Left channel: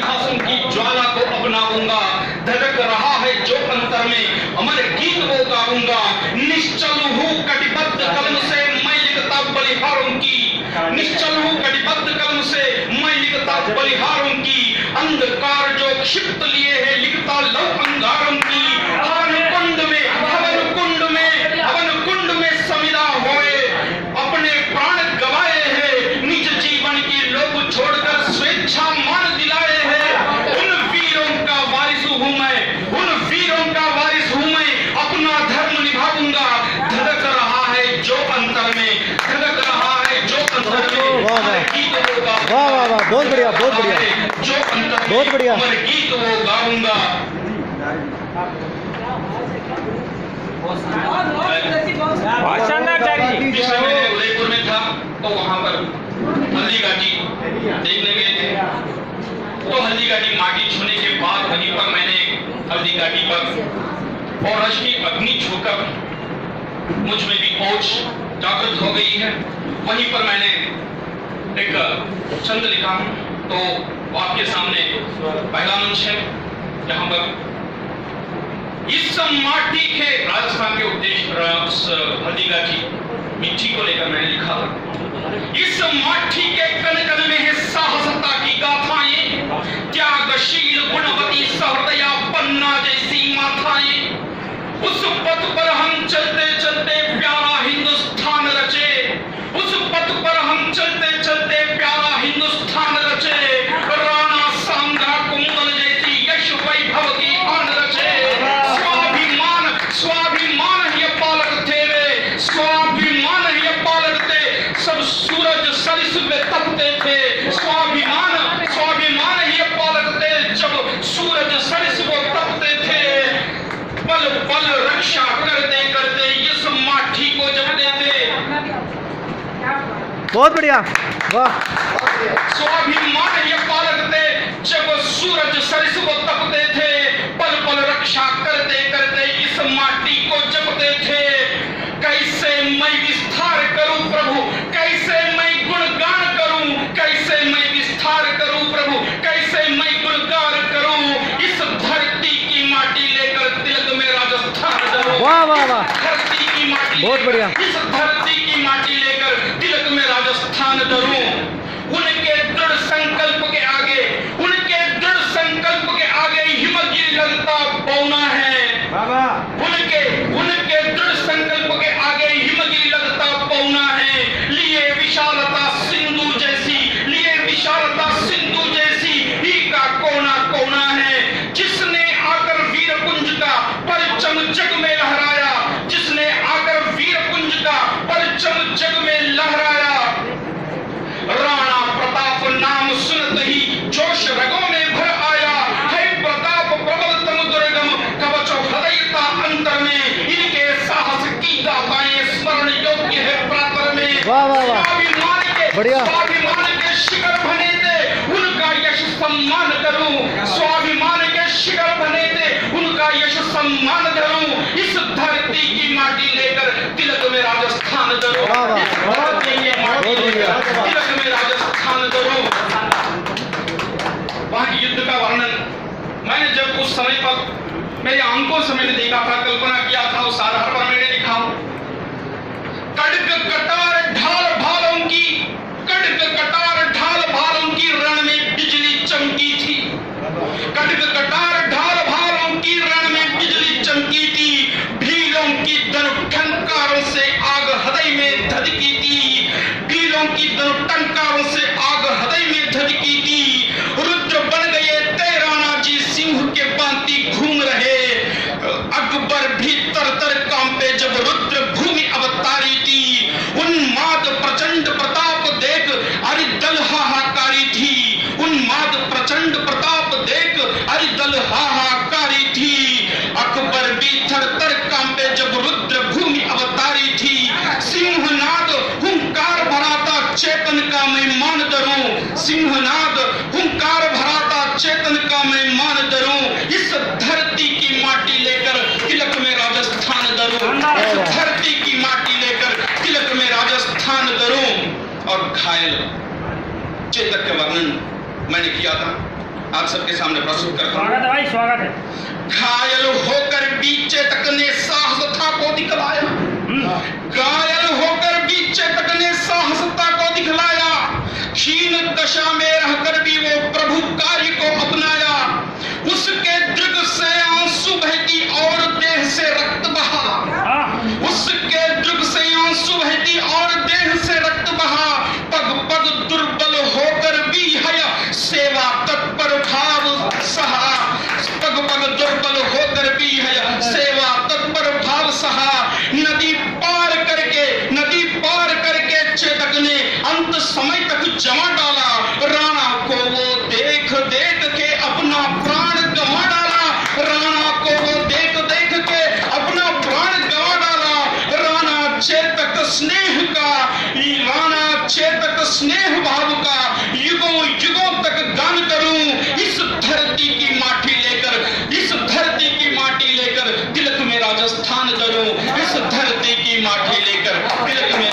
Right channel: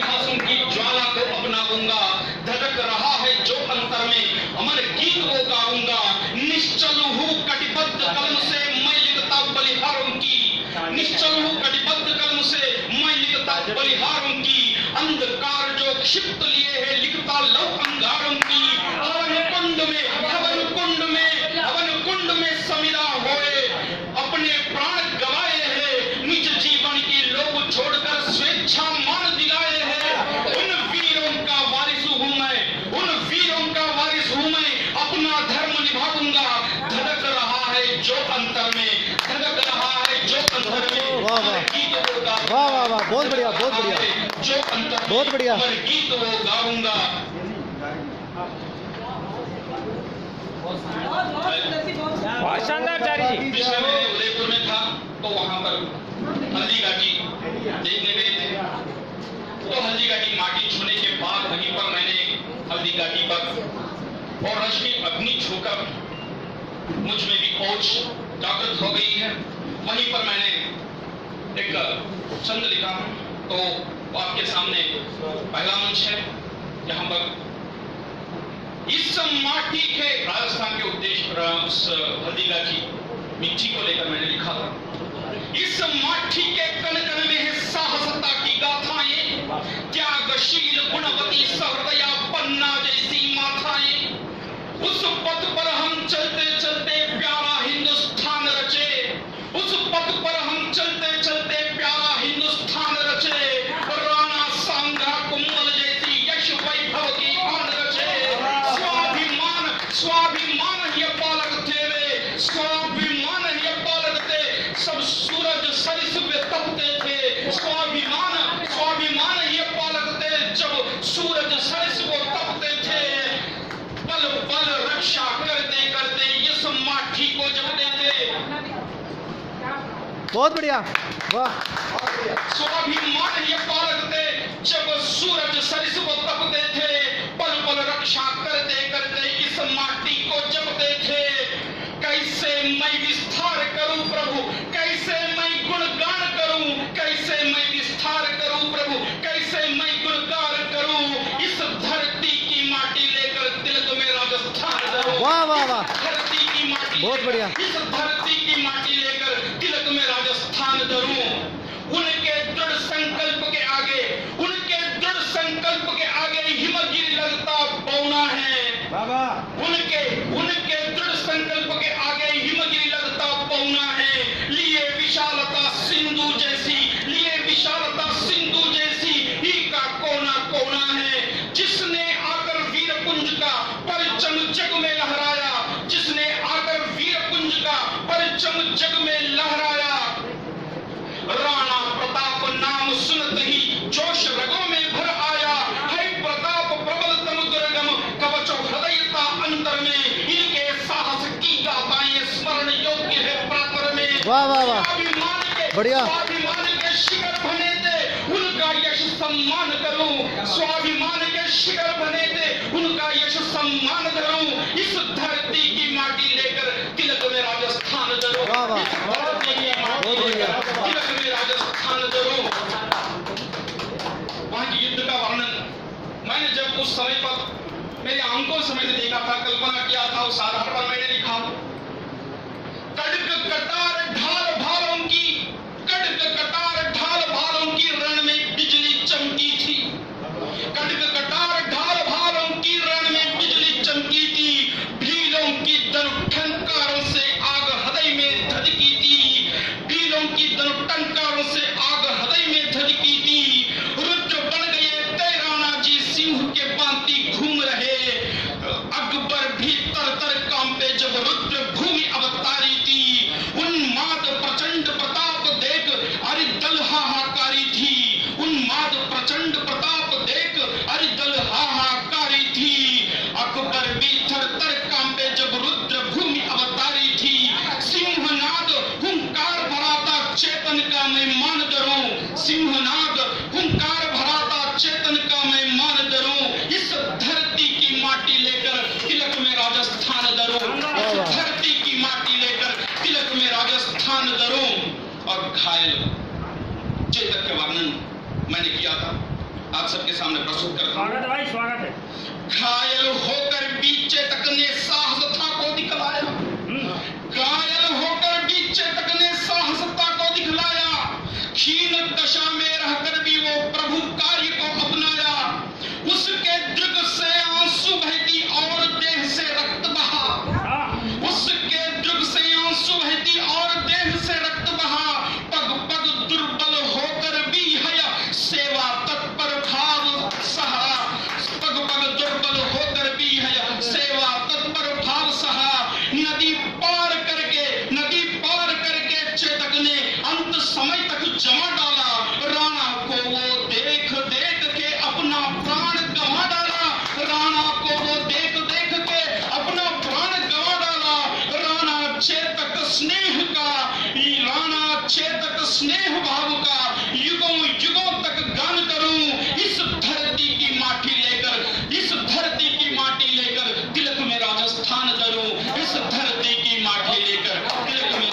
इतिहासों की ज्वाला को अपनाऊंगा। धड़क रहा है जो अंतर में अमर गीत वो गाऊंगा। निश्चल हूँ कटिबद्ध कलम से मैं लिखता बलिहारों की। निश्चल हूँ कटिबद्ध कलम से मैं लिखता बलिहारों की। अंधकार जो क्षिप्त लिए है लिखता लव अंगारों की। हवन कुंड में समिधा होए अपने प्राण गवाए हैं। निज जीवन की लोभ छोड़कर स्वेच्छा मान दिलाए हैं। उन वीरों का वारिस हूं मैं, उन वीरों का वारिस हूं मैं। अपना धर्म निभाऊंगा। धड़क रहा है जो अंतर में, धड़क रहा है जो अंतर में। वाह वाह वाह वाह वाह, बहुत बढ़िया बहुत बढ़िया, जो अंतर बहुत बढ़िया। गीत वो गाऊंगा। पिछले महीने उदयपुर में था तो वहां पर हल्दी घाटी देखने गए थे। तो हल्दी घाटी माटी छूने के बाद वहीं पर मैंने हल्दी घाटी पर और रश की अग्नि छूकर मुझ में भी ओज जागृत हो गई है। वहीं पर मैंने एक छंद लिखा तो आपके सामने पहला मंच है जहां पर इस माटी के राजस्थान के उद्देश्य हल्दी घाटी मिट्टी को लेकर मैंने लिखा था। इस माटी के कण कण में है साहसता की गाथाएं। त्यागशील गुणवती सहृदया पन्ना जैसी माथाएं। उस पथ पर हम चलते चलते प्यारा हिंदुस्तान रचे। उस पथ पर हम चलते चलते प्यारा हिंदुस्तान रचे। राणा सांगा कुंभल जैसी यश वैभव की आन रचे। स्वाभिमान ही पालक तेरे, स्वाभिमान ही पालक थे। सब सूरज सरिस में तपते थे। स्वाभिमान ही पालक थे जब सूरज सरिस में तपते थे। पल पल रक्षा करते करते इस माटी को जपते थे। बहुत बढ़िया, वाह। स्वाभिमान ही पालक थे जब सूरज सरिस को तपते थे। पल पल रक्षा करते करते इस माटी को जपते थे। कैसे मैं विस्तार करूं प्रभु, कैसे मैं गुणगान करूं। कैसे मैं विस्तार करूं प्रभु, कैसे मैं गुणगान करूं। इस धरती की माटी लेकर तिलक में राजस्थान धरूं। वाह वाह वाह, धरती की माटी, बहुत बढ़िया। इस धरती की माटी लेकर तिलक में राजस्थान धरूं। उनके दृढ़ संकल्प के आगे, उनके दृढ़ संकल्प के आगे हिमगिरी लगता पौना है। उनके दृढ़ संकल्प के आगे हिमगिरी लगता पौना है। लिए विशालता सिंधु जैसी, लिए विशालता सिंधु जैसी ही का कोना कोना है। जिसने आकर वीरपुंज का परचम जग में लहराया, जिसने आकर वीरपुंज का परचम जग में लहराया। राणा प्रताप नाम सुनत ही जोश रगों में भर आया है। प्रताप प्रबल तम दुर्गम कवच हृदयता अंतर में। इनके साहस की गाथाएं स्मरण योग्य है प्रातर में। वाह वाह वाह, बढ़िया। स्वाभिमान के शिखर बने थे उनका यश सम्मान करूं। स्वाभिमान के शिखर बने थे उनका यश सम्मान करूं। इस धरती की माटी लेकर तिलक में राजस्थान धरूं। वाह वाह, इस धरती की माटी लेकर तिलक में राजस्थान धरूं। वहां के युद्ध का वर्णन मैंने जब उस समय पर मेरी आंखों से मैंने देखा था, कल्पना किया था, उस आधार पर मैंने लिखा। कड़क कटार ढाल भालों की, कड़क कटार ढाल भालों की रण में बिजली चमकी थी। कड़क कटार ढाल भालों की रण में बिजली चमकी थी। भीलों की धनुटंकारों से आग हृदय में धधकी थी। भीलों की धनुटंकारों से आग हृदय में धधकी थी। रुद्र बन गए राणा जी सिंह के पांति घूम रहे। अकबर भी तर तर कांपे जब रुद्र भूमि अवतारी थी। उन्माद प्रचंड प्रताप देख अरिदल हाहाकारी थी। उन्माद प्रचंड प्रताप देख अरिदल हाहाकारी थी। अकबर भी थर थर कांपे जब रुद्र भूमि अवतारी थी। सिंहनाद हुंकार भराता चेतन का मैं मान धरूं। सिंहनाद हुंकार भराता चेतन का मैं मान धरूं। इस धरती की माटी लेकर तिलक में राजस्थान धरूं। इस धरती की माटी लेकर तिलक में राजस्थान धरूं। और घायल चेतक का वर्णन मैंने किया था। आप सबके सामने प्रस्तुत करता हूँ। स्वागत है भाई, स्वागत है। घायल होकर बीचे तक ने साहसता को दिखलाया, घायल होकर बीचे तक ने साहसता को दिखलाया, क्षीण दशा में रहकर भी वो प्रभु कार्य को अपनाया, उसके दृग से आंसू बहती और देह से रक्त बहा, उसके दृग से आंसू बहती और देह से रक्त बहा, पग पग दुर्बल होकर भी है सेवा तत्पर भाव सहा, पग पग दुर्बल होकर भी है सेवा तत्पर भाव सहा, नदी पार करके चेतक ने अंत समय तक जमा डाला, राणा को वो देख देख के अपना प्राण गंवा डाला, राणा को वो देख देख के अपना प्राण गंवा डाला, राणा चेतक स्नेह का, राणा चेतक स्नेह भाव का युगों युगों तक गान करूं, इस धरती की माटी लेकर, इस धरती की माटी लेकर तिलक में राजस्थान करूं, इस धरती की माटी लेकर तिलक में